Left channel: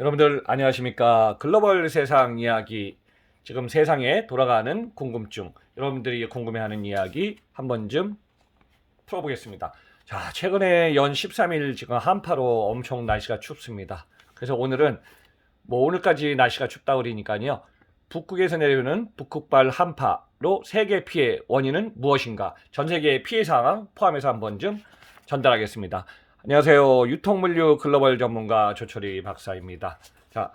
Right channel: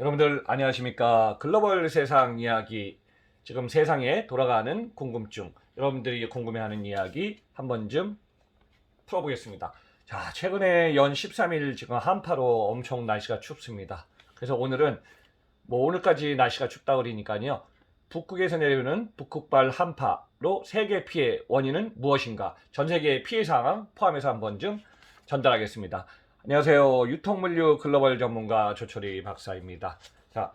여러분들 안녕하십니까? 글로벌 세상 이야기, 지금 세상에 돌아가는 궁금증, 여러분들이 궁금해하는 이야기 한 번쯤 풀어보겠습니다. 자, 최근에 연 13일 지금 한파로 엄청 날씨가 춥습니다. 그래서 오늘은 오늘까지 날씨가 춥다 그러니까요. 북극에서 내려오는 북극발 한파로 세계 피해 원인은 무엇인가? 전 세계 피해 상황 포함해서 한 번쯤 전달하겠습니다. 안녕하세요. 유통물류 글로벌 전문가 조철희 박사입니다. 자,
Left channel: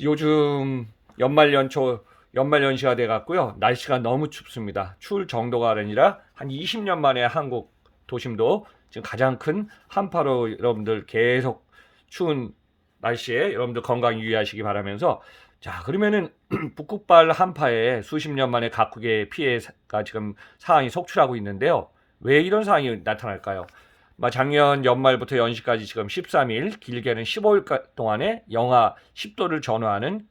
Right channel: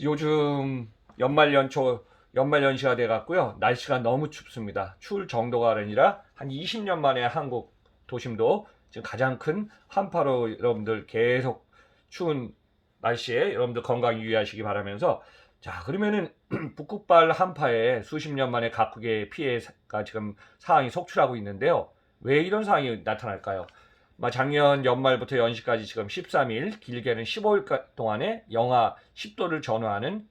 요즘 연말연시가 돼 갖고요. 날씨가 너무 춥습니다. 추울 정도가 아니라 한 20년 만에 한국 도심도 지금 가장 큰 한파로 여러분들 계속 추운 날씨에 여러분들 건강 유의하시기 바라면서, 자, 그러면은 북극발 한파에 수십 년 만에 각국의 피해가 지금 상황이 속출하고 있는데요. 왜 이런 상황이 나타날까요? 작년 연말부터 연시까지 지금 13일, 길게는 15일 동안에 영하 10도를 전후하는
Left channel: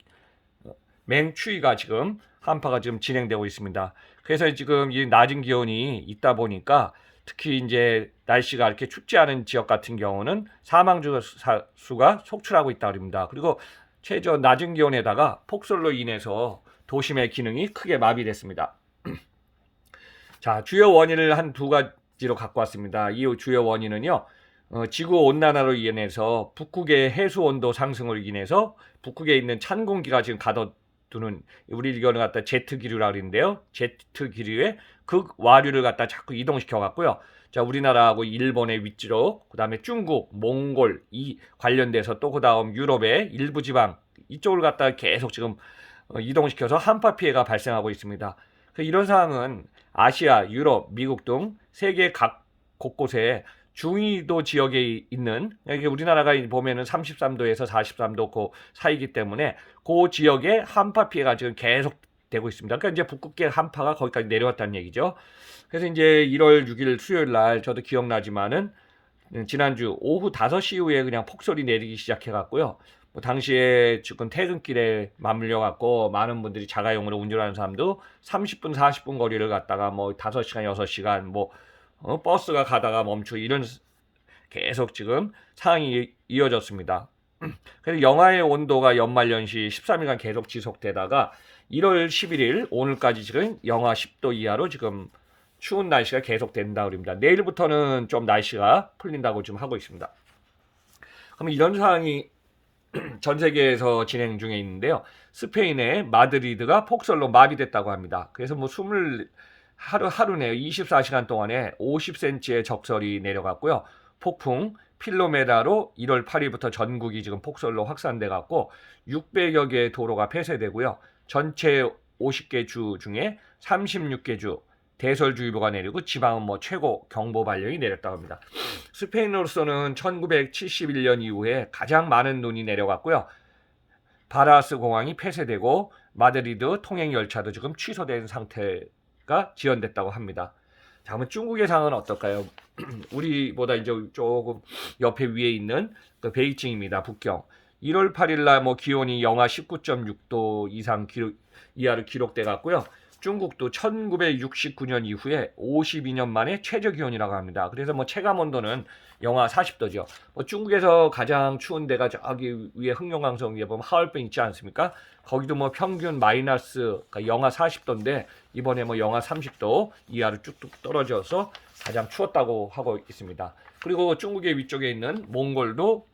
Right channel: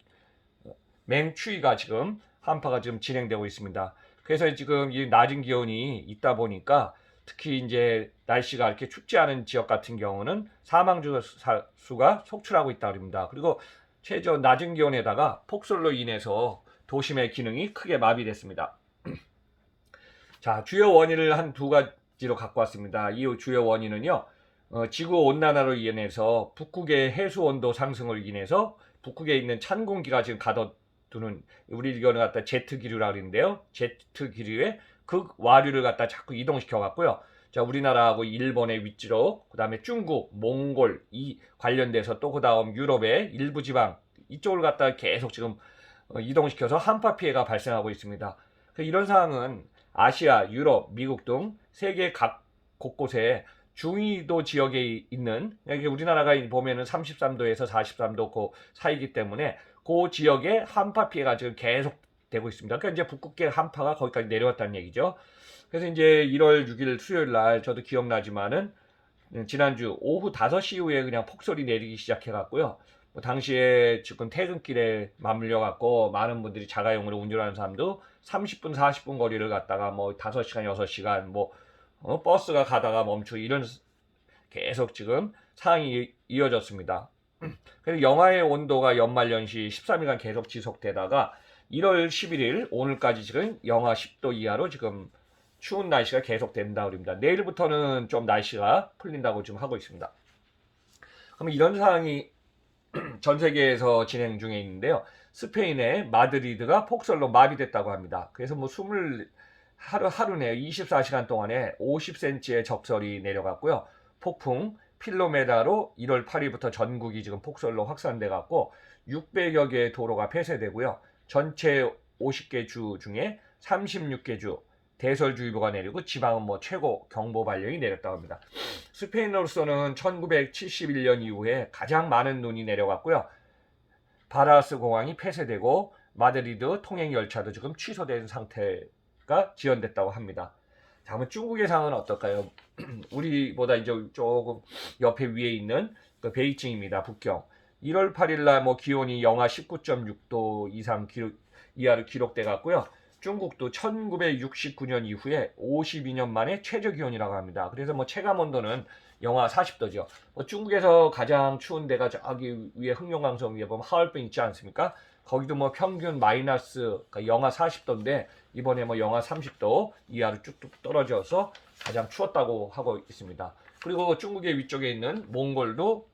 맹추위가 지금 한파가 지금 진행되고 있습니다. 그래서 지금 이 낮은 기온이 있다 보니까 특히 이제 날씨가 이렇게 춥지 않은 지역 같은 경우는 사망 수가 속출하고 있다 그럽니다. 그리고 최저 낮은 기온에다가 폭설로 인해서 도심의 기능이 크게 마비됐습니다. 자, 주요 원인을 한 두 가지로 갖고 왔습니다. 이 주요 원인은요, 지구 온난화로 인해서 북극의 해수 온도 상승을 인해서 북극에 있는 찬 공기가 지금 가둬두는, 우리 이거는 갖다 제트 기류라고 그러는데요. 제트 기류에 극와류를 갖다 자꾸 이동시켜 갖고요. 자, 우리나라하고 일본의 윗지로, 그다음에 중국, 몽골 이 관련돼서 또 그다음 유럽의 일부 지방 이쪽을 갖다 계속 지금 이동시켜서 한파 피해가 발생하고 있습니다. 이런 상황은 아시아, 유럽, 미국 등 세계 각 곳곳에 중위도 지역에 있는, 여기 우리나라가 보면은 33도에서 43도 그 사이기 때문에 그 지역에 한파 피해가 지금 계속 되고 있습니다. 그러니까 이제 북극계 한파가 거기까지 내려왔다는 얘기죠. 그래서 이제 1월 6일 수요일 날 저도 기억나지만은 지난주 오후 5시 이후에 그냥 폭설이 내리기 시작해 갖고요. 당시에 지금 퇴근길에 맞물려 갖고 많은 분들이 자가용으로 운전하는 사람도 30분 40분 거리를 갔다가 5시간 6시간 버스가 가다가 멈추고 이런 계속 지금 상황이 이어졌습니다. 그래서 영하의 온도가 연말연시 13일간 계속 지속되다가 1월 11일 오늘까지 지금 영하 10도 이하로 지금 추운 날씨가 계속 된다 그럽니다. 내일부터는 좀 날씨가 풀린다고 지금 하고 있습니다. 그럼 이런 상황이 전 세계에서 진행 중에 있는데요. 스페인의 마드리드가 폭설로 마비됐다고 합니다. 그래서 하루네요. 24시간 동안에 50cm의 적설이 내려갔고요. 폭풍 필로메다로 1월 8일부터 전국이 지금 폭설로 확산돼 갖고 600여 개의 도로가 폐쇄되고요. 전체 50개 주 중에 36개 주 대설주의보가 내리고 지방은 최고 경보 발령이 내렸다고 합니다. 스페인으로서는 1971년 이후에 가장 많은 눈이 내려갔고요. 바라스 공항이 폐쇄되고 마드리드 통행 열차도 지금 취소된 상태가 지연됐다고 합니다. 자, 그러면 중국의 상황은 어떨까요? 우리보다 이제 조금 옆에 위에 있는 그 베이징입니다. 북경. 1월 8일 날 기온이 영하 19.6도 이하로 기록돼 갔고요. 중국도 1969년 이후에 52년 만에 최저 기온이라고 합니다. 그래서 체감 온도는 영하 40도죠. 중국에서 가장 추운 데가 저기 위에 흑룡강성 위에 보면 하얼빈 있지 않습니까? 거기도 평균 마이너스 그러니까 영하 40도인데 이번에 영하 30도 이하로 쭉쭉 떨어져서 가장 추웠다고 하고 있습니다. 그리고 중국의 위쪽에 있는 몽골도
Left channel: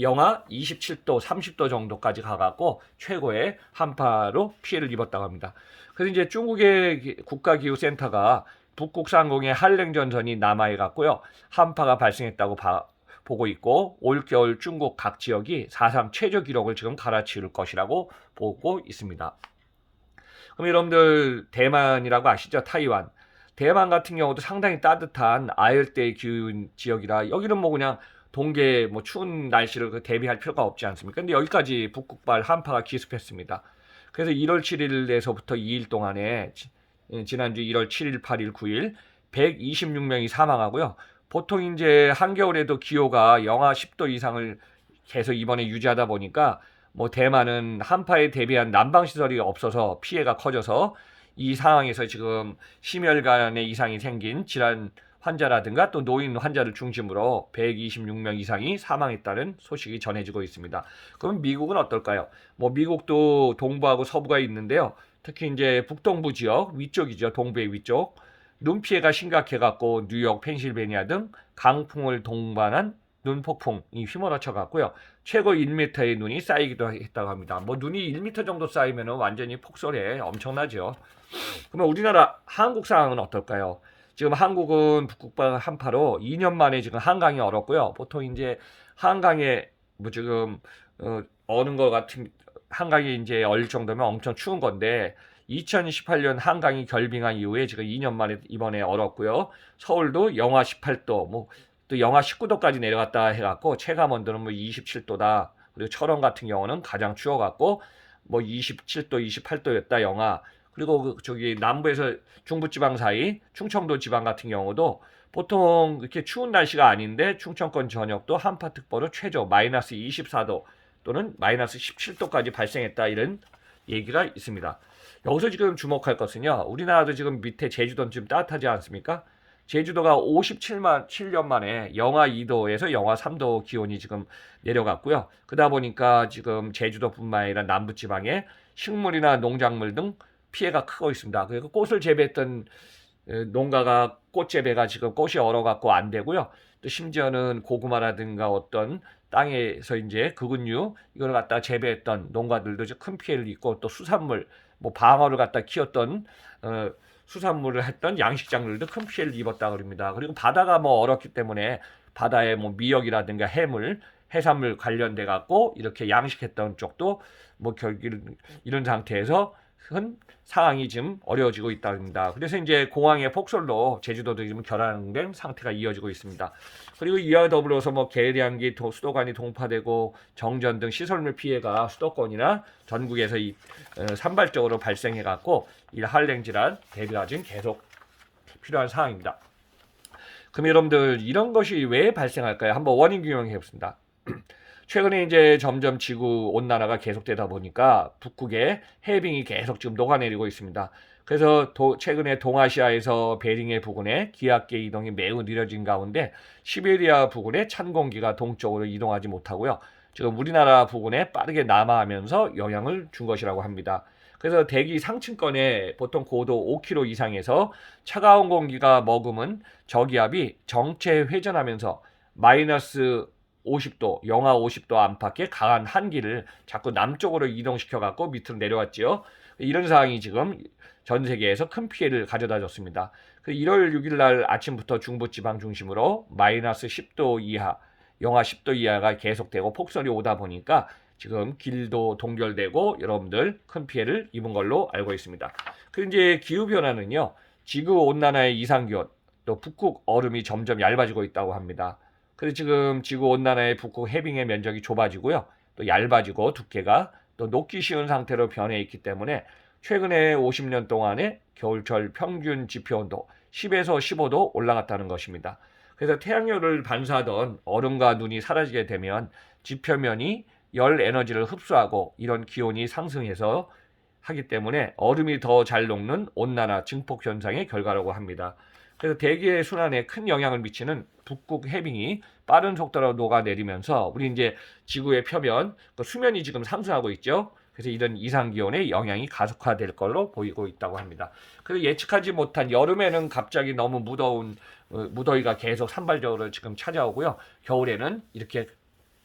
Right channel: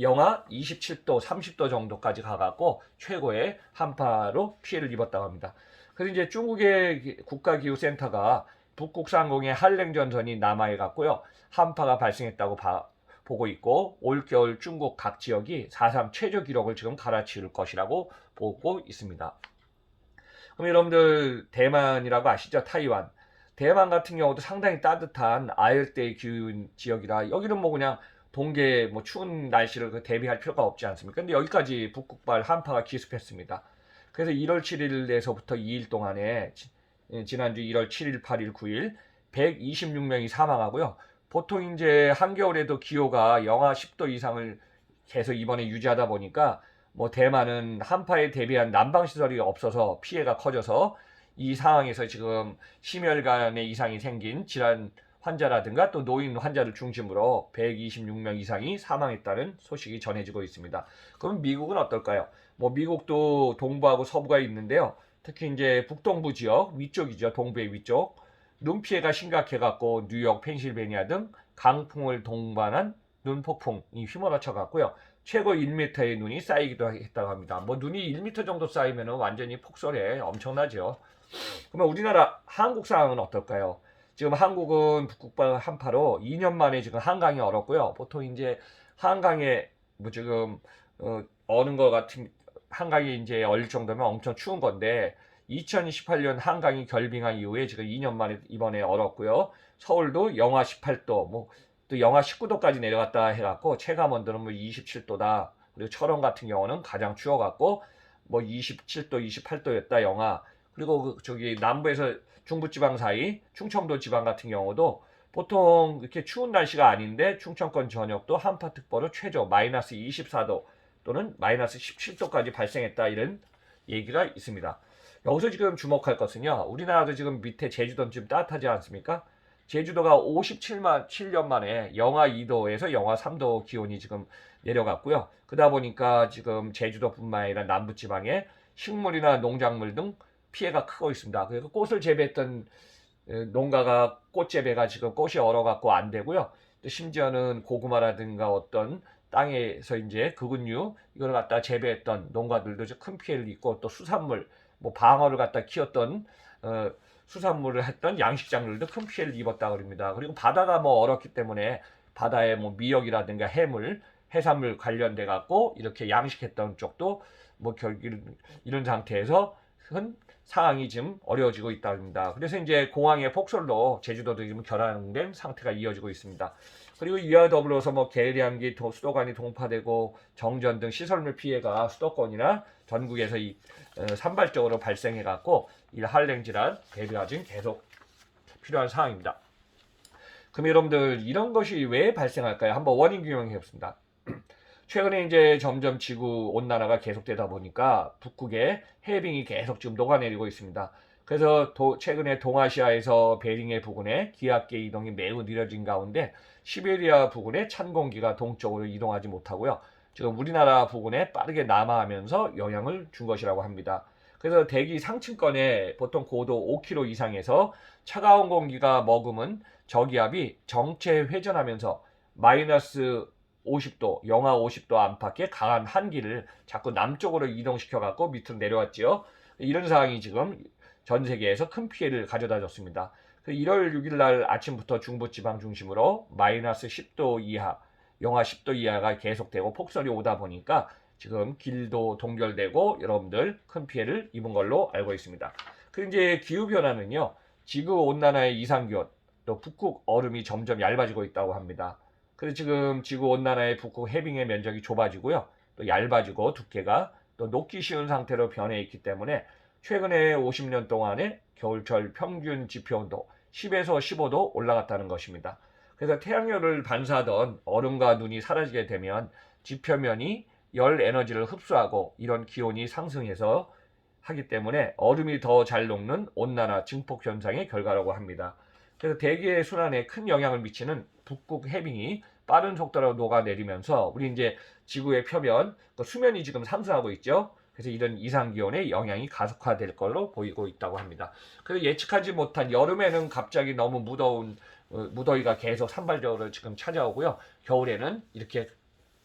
영하 27도, 30도 정도까지 가갖고 최고의 한파로 피해를 입었다고 합니다. 그래서 이제 중국의 국가기후센터가 북극 상공에 한랭전선이 남하해 갖고요. 한파가 발생했다고 보고 있고 올겨울 중국 각 지역이 4.3 최저 기록을 지금 갈아치울 것이라고 보고 있습니다. 그럼 여러분들 대만이라고 아시죠? 타이완. 대만 같은 경우도 상당히 따뜻한 아열대 기후 지역이라 여기는 그냥 동계 추운 날씨를 대비할 필요가 없지 않습니까? 근데 여기까지 북극발 한파가 기습했습니다. 그래서 1월 7일에서부터 2일 동안에 지난주 1월 7일, 8일, 9일 126명이 사망하고요. 보통 이제 한겨울에도 기호가 영하 10도 이상을 계속 이번에 유지하다 보니까 대만은 한파에 대비한 난방시설이 없어서 피해가 커져서 이 상황에서 지금 심혈관의 이상이 생긴 질환 환자라든가 또 노인 환자를 중심으로 126명 이상이 사망했다는 소식이 전해지고 있습니다. 그럼 미국은 어떨까요? 뭐 미국도 동부하고 서부가 있는데요. 특히 이제 북동부 지역 위쪽이죠. 동부의 위쪽. 눈 피해가 심각해갖고 뉴욕, 펜실베니아 등 강풍을 동반한 눈 폭풍이 휘몰아쳐 갔고요. 최고 1m의 눈이 쌓이기도 했다고 합니다. 뭐 눈이 1m 정도 쌓이면 완전히 폭설에 엄청나죠. 그러면 우리나라 한국 상황은 어떨까요? 지금 한국은 북극발 한파로 2년 만에 지금 한강이 얼었고요. 보통 이제 한강에 뭐 지금 어는 것 같은 한강이 이제 얼 정도면 엄청 추운 건데 2018년 한강이 결빙한 이후에 지금 2년 만에 이번에 얼었고요. 서울도 영하 18도, 뭐 또 영하 19도까지 내려갔다 해갖고 체감 온도는 뭐 27도다. 그리고 철원 같은 경우는 가장 추워갖고 뭐 27도, 28도였다 영하. 그리고 저기 남부에서 중부지방 사이 충청도 지방 같은 경우도 보통 이렇게 추운 날씨가 아닌데 충청권 전역도 한파특보로 최저 마이너스 24도 또는 마이너스 17도까지 발생했다 이런 얘기가 있습니다. 여기서 지금 주목할 것은요. 우리나라도 지금 밑에 제주도는 좀 따뜻하지 않습니까? 제주도가 57년 만에 영하 2도에서 영하 3도 기온이 지금 내려갔고요. 그러다 보니까 지금 제주도뿐만 아니라 남부지방에 식물이나 농작물 등 피해가 크고 있습니다. 그리고 꽃을 재배했던 농가가 꽃 재배가 지금 꽃이 얼어갖고 안 되고요. 또 심지어는 고구마라든가 어떤 땅에서 이제 그근류 이걸 갖다 재배했던 농가들도 큰 피해를 입고 또 수산물 뭐 방어를 갖다 키웠던 수산물을 했던 양식장들도 큰 피해를 입었다 그럽니다. 그리고 바다가 뭐 얼었기 때문에 바다에 뭐 미역이라든가 해물, 해산물 관련돼 갖고 이렇게 양식했던 쪽도 뭐 결국 이런 상태에서 큰 상황이 지금 어려워지고 있답니다. 그래서 이제 공항의 폭설로 제주도도 지금 결항된 상태가 이어지고 있습니다. 그리고 이와 더불어서 뭐 계량기 수도관이 동파되고 정전 등 시설물 피해가 수도권이나 전국에서 산발적으로 발생해 갖고 이 한랭 질환 대비가 지금 계속 필요한 상황입니다. 그럼 여러분들 이런 것이 왜 발생할까요? 한번 원인 규명해 보겠습니다. 최근에 이제 점점 지구 온난화가 계속되다 보니까 북극에 해빙이 계속 지금 녹아내리고 있습니다. 그래서 최근에 동아시아에서 베링해 부근에 기압계 이동이 매우 느려진 가운데 시베리아 부근에 찬 공기가 동쪽으로 이동하지 못하고요. 지금 우리나라 부근에 빠르게 남하하면서 영향을 준 것이라고 합니다. 그래서 대기 상층권에 보통 고도 5km 이상에서 차가운 공기가 머금은 저기압이 정체 회전하면서 마이너스 50도, 영하 50도 안팎의 강한 한기를 자꾸 남쪽으로 이동시켜 갖고 밑으로 내려왔지요. 이런 상황이 지금 전 세계에서 큰 피해를 가져다 줬습니다. 1월 6일 날 아침부터 중부지방 중심으로 마이너스 10도 이하, 영하 10도 이하가 계속되고 폭설이 오다 보니까 지금 길도 동결되고 여러분들 큰 피해를 입은 걸로 알고 있습니다. 그리고 이제 기후변화는요, 지구 온난화의 이상기온, 또 북극 얼음이 점점 얇아지고 있다고 합니다. 그래서 지금 지구 온난화의 북극 해빙의 면적이 좁아지고요, 또 얇아지고 두께가 또 녹기 쉬운 상태로 변해 있기 때문에 최근에 50년 동안의 겨울철 평균 지표온도 10에서 15도 올라갔다는 것입니다. 그래서 태양열을 반사하던 얼음과 눈이 사라지게 되면 지표면이 열 에너지를 흡수하고 이런 기온이 상승해서 하기 때문에 얼음이 더 잘 녹는 온난화 증폭 현상의 결과라고 합니다. 그래서 대기의 순환에 큰 영향을 미치는 북극 해빙이 빠른 속도로 녹아내리면서 우리 이제 지구의 표면 수면이 지금 상승하고 있죠. 그래서 이런 이상 기온의 영향이 가속화될 걸로 보이고 있다고 합니다. 그리고 예측하지 못한 여름에는 갑자기 너무 무더위가 계속 산발적으로 지금 찾아오고요. 겨울에는 이렇게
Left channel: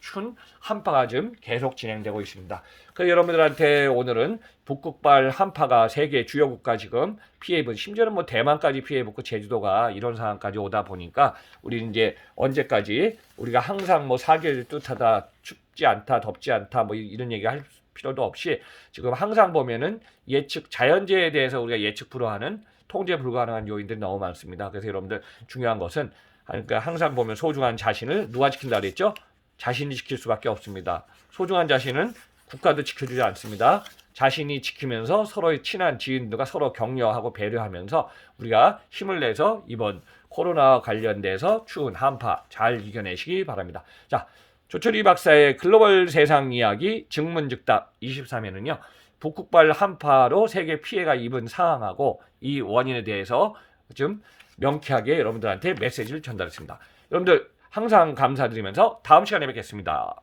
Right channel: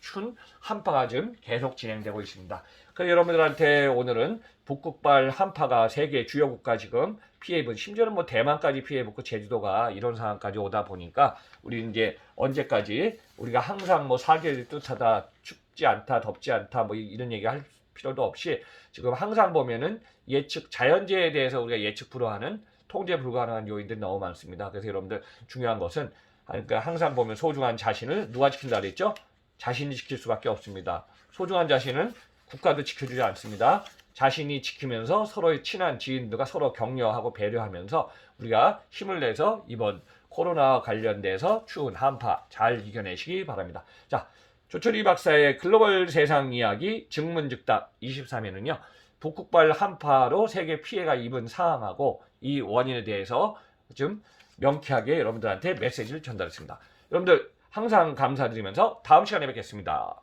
추운 한파가 지금 계속 진행되고 있습니다. 그래서 여러분들한테 오늘은 북극발 한파가 세계 주요 국가 지금 피해 입은, 심지어는 뭐 대만까지 피해 입고 제주도가 이런 상황까지 오다 보니까 우리 이제 언제까지 우리가 항상 뭐 사계를 뜻하다, 춥지 않다, 덥지 않다 뭐 이런 얘기 할 필요도 없이 지금 항상 보면은 예측 자연재해에 대해서 우리가 예측 불허하는 통제 불가능한 요인들이 너무 많습니다. 그래서 여러분들 중요한 것은 그러니까 항상 보면 소중한 자신을 누가 지킨다 그랬죠? 자신이 지킬 수밖에 없습니다. 소중한 자신은 국가도 지켜주지 않습니다. 자신이 지키면서 서로의 친한 지인들과 서로 격려하고 배려하면서 우리가 힘을 내서 이번 코로나 관련돼서 추운 한파 잘 이겨내시기 바랍니다. 자, 조철희 박사의 글로벌 세상 이야기 증문즉답 23회는요. 북극발 한파로 세계 피해가 입은 상황하고 이 원인에 대해서 좀 명쾌하게 여러분들한테 메시지를 전달했습니다. 여러분들 항상 감사드리면서 다음 시간에 뵙겠습니다.